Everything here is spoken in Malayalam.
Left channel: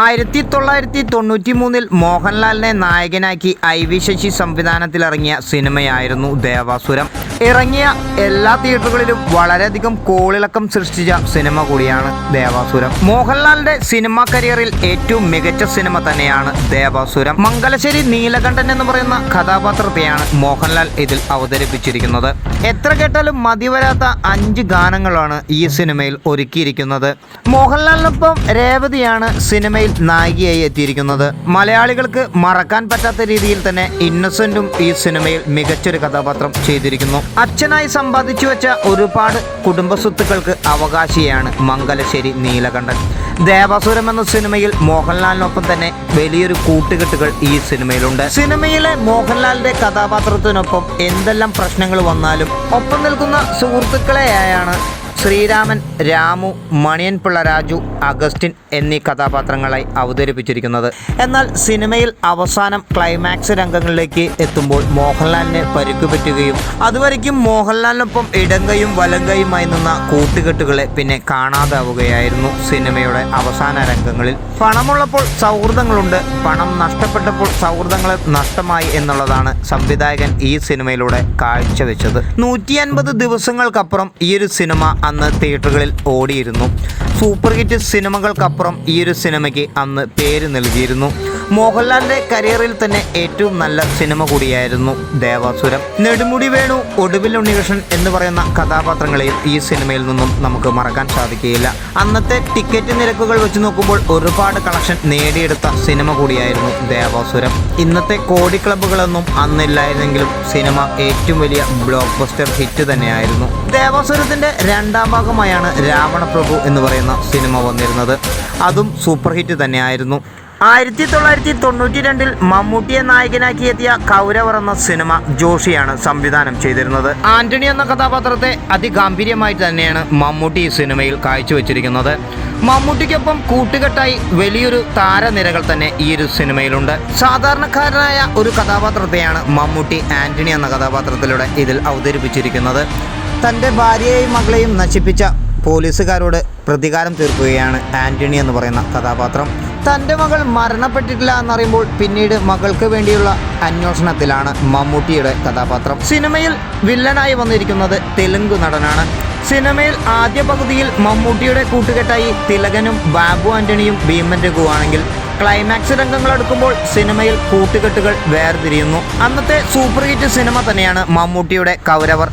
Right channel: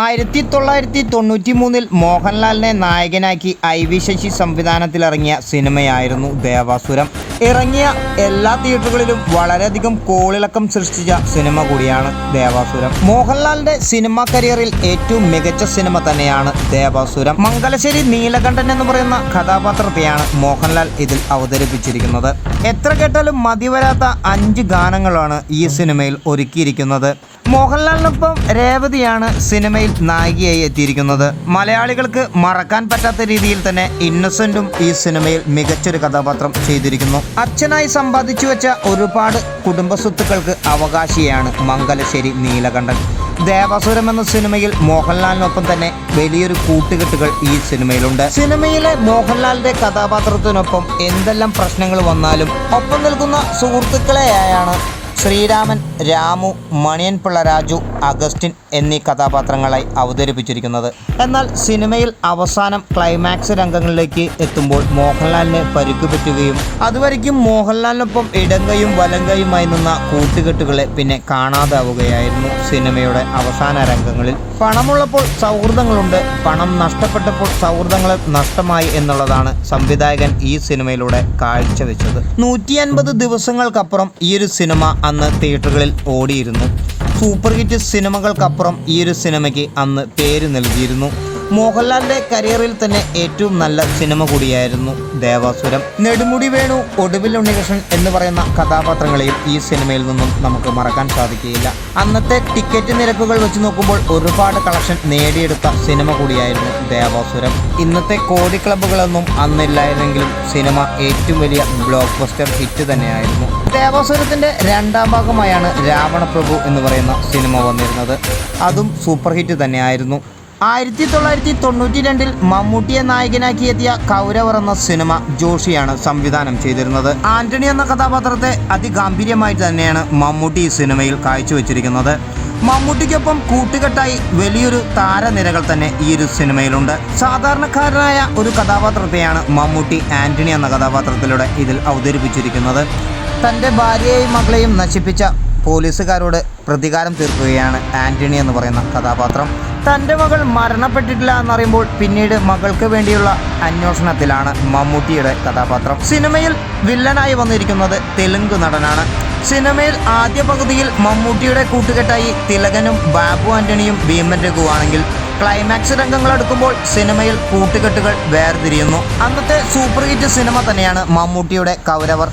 ആയിരത്തി തൊള്ളായിരത്തി തൊണ്ണൂറ്റി മൂന്നിൽ മോഹൻലാലിനെ നായകനാക്കി ഐ വി ശശി സംവിധാനത്തിലിറങ്ങിയ സിനിമയായിരുന്നു ദേവാസുരം. ഇറങ്ങിയ എല്ലാ തിയേറ്ററുകളിലും വളരെയധികം കോളിളക്കം സൃഷ്ടിച്ച സിനിമ കൂടിയാണ് ദേവാസുരം. മോഹൻലാലിന്റെ സിനിമാ കരിയറിൽ ഏറ്റവും മികച്ച സിനിമ തന്നെയാണ് ദേവാസുരം. മംഗലശ്ശേരി നീലകണ്ഠൻ എന്ന് പറയുന്ന കഥാപാത്രത്തെയാണ് മോഹൻലാൽ ഇതിൽ അവതരിപ്പിച്ചിരിക്കുന്നത്. എത്ര കേട്ടാലും മതിവരാത്ത അഞ്ച് ഗാനങ്ങളാണ് ഈ സിനിമയിൽ ഒരുക്കിയിരിക്കുന്നത്. മോഹൻലാലിനൊപ്പം രേവതിയാണ് സിനിമയിൽ നായികയായി എത്തിയിരിക്കുന്നത്. മലയാളികൾക്ക് മറക്കാൻ പറ്റാത്ത രീതിയിൽ തന്നെ ഇന്നസെന്റും ഈ സിനിമയിൽ മികച്ചൊരു കഥാപാത്രം ചെയ്തിരിക്കുന്നു. അച്ഛനായി സമ്പാദിച്ചു വെച്ച ഒരുപാട് കുടുംബ സ്വത്തുക്കൾക്ക് അവകാശിയാണ് മംഗലശ്ശേരി നീലകണ്ഠൻ. ദേവാസുരം എന്ന സിനിമയിൽ മോഹൻലാലിനൊപ്പം തന്നെ വലിയൊരു കൂട്ടുകെട്ടുകൾ ഈ സിനിമയിലുണ്ട്. സിനിമയിലെ മോഹൻലാലിന്റെ കഥാപാത്രത്തിനൊപ്പം എന്തെല്ലാം പ്രശ്നങ്ങൾ വന്നാലും ഒപ്പം നിൽക്കുന്ന സുഹൃത്തുക്കളെയായാണ് ശ്രീരാമൻ രാമു മണിയൻ പിള്ള രാജു അഗസ്റ്റിൻ എന്നീ കഥാപാത്രങ്ങളായി അവതരിപ്പിച്ചിരിക്കുന്നത്. എന്നാൽ സിനിമയിൽ അവസാനം ക്ലൈമാക്സ് രംഗങ്ങളിലേക്ക് എത്തുമ്പോൾ മോഹൻലാലിനെ പരുക്കു പറ്റുകയും അതുവരയ്ക്കും മോഹൻലാലിനൊപ്പം ഇടങ്കയും വലങ്കയുമായി നിന്ന കൂട്ടുകെട്ടുകളെ പിന്നെ കാണാതാവുകയായിരുന്നു സിനിമയുടെ അവസാന രംഗങ്ങളിൽ. പണമുള്ളപ്പോൾ സൗഹൃദങ്ങളുണ്ട് പണം നഷ്ടപ്പെട്ടപ്പോൾ സൗഹൃദങ്ങൾ നഷ്ടമായി എന്നുള്ളതാണ് സംവിധായകൻ ഈ സിനിമയിലൂടെ കാഴ്ചവെച്ചത്. നൂറ്റി അൻപത് ദിവസങ്ങൾക്കപ്പുറം ഈ ഒരു സിനിമ അന്ന് തിയേറ്ററുകളിൽ ഓടിയിരുന്നു. സൂപ്പർ ഹിറ്റ് സിനിമകൾക്കപ്പുറം ഈ ഒരു സിനിമയ്ക്ക് അന്ന് പേര് നൽകിയിരുന്നു. മോഹൻലാലിന്റെ കരിയറിൽ തന്നെ ഏറ്റവും നല്ല സിനിമ കൂടിയായിരുന്നു ദേവാസുരം. നെടുമുടി വേണു ഒടുവിൽ ഉണ്ണികൃഷ്ണൻ എന്ന് പറയുന്ന കഥാപാത്രങ്ങളെയും ഈ സിനിമയിൽ നിന്നും നമുക്ക് മറക്കാൻ സാധിക്കുകയില്ല. അന്നത്തെ ടിക്കറ്റ് നിരക്കുകൾ വെച്ച് നോക്കുമ്പോൾ ഒരുപാട് കളക്ഷൻ നേടിയെടുത്ത സിനിമ കൂടിയായിരുന്നു ദേവാസുരം. ഇന്നത്തെ കോടി ക്ലബ്ബുകളൊന്നും അന്നില്ലായിരുന്നെങ്കിലും സിനിമ ഏറ്റവും വലിയ ബ്ലോക്ക് ബസ്റ്റർ ഹിറ്റ് തന്നെയായിരുന്നു. ദേവാസുരത്തിന്റെ രണ്ടാം ഭാഗമായാണ് രാവണപ്രഭു എന്ന് പറയുന്ന സിനിമ വന്നിരുന്നത്. അതും സൂപ്പർ ഹിറ്റ് തന്നെയായിരുന്നു. ആയിരത്തി തൊള്ളായിരത്തി തൊണ്ണൂറ്റി രണ്ടിൽ മമ്മൂട്ടിയെ നായകനാക്കി എത്തിയ കൗരവർ എന്ന സിനിമ ജോഷിയാണ് സംവിധാനം ചെയ്തിരുന്നത്. ആന്റണി എന്ന കഥാപാത്രത്തെ അതിഗാംഭീര്യമായിട്ട് തന്നെയാണ് മമ്മൂട്ടി ഈ സിനിമയിൽ കാഴ്ചവെച്ചിരിക്കുന്നത്. മമ്മൂട്ടിക്കൊപ്പം കൂട്ടുകെട്ടായി വലിയൊരു താരനിരകൾ തന്നെ ഈ ഒരു സിനിമയിലുണ്ട്. സാധാരണക്കാരനായ ഒരു കഥാപാത്രത്തെയാണ് മമ്മൂട്ടി ആന്റണി എന്ന കഥാപാത്രത്തിലൂടെ ഇതിൽ അവതരിപ്പിച്ചിരിക്കുന്നത്. തന്റെ ഭാര്യയെയും മകളെയും നശിപ്പിച്ച പോലീസുകാരോട് പ്രതികാരം തീർക്കുകയാണ് ആന്റണി എന്ന് പറയുന്ന കഥാപാത്രം. തന്റെ മകൾ മരണപ്പെട്ടിട്ടില്ല എന്നറിയുമ്പോൾ പിന്നീട് മകൾക്ക് വേണ്ടിയുള്ള അന്വേഷണത്തിലാണ് മമ്മൂട്ടിയുടെ കഥാപാത്രം. സിനിമയിൽ വില്ലനായി വന്നിരിക്കുന്നത് തെലുങ്ക് നടനാണ്. സിനിമയിൽ ആദ്യ പകുതിയിൽ മമ്മൂട്ടിയുടെ കൂട്ടുകെട്ടായി തിലകനും ബാബു ആന്റണിയും ഭീമൻ രഘുവാണെങ്കിൽ ക്ലൈമാക്സ് രംഗങ്ങൾ അടുക്കുമ്പോൾ സിനിമയിൽ കൂട്ടുകെട്ടുകൾ വേർതിരിയുന്നു. അന്നത്തെ സൂപ്പർ ഹിറ്റ് സിനിമ തന്നെയാണ് മമ്മൂട്ടിയുടെ കൗരവർ.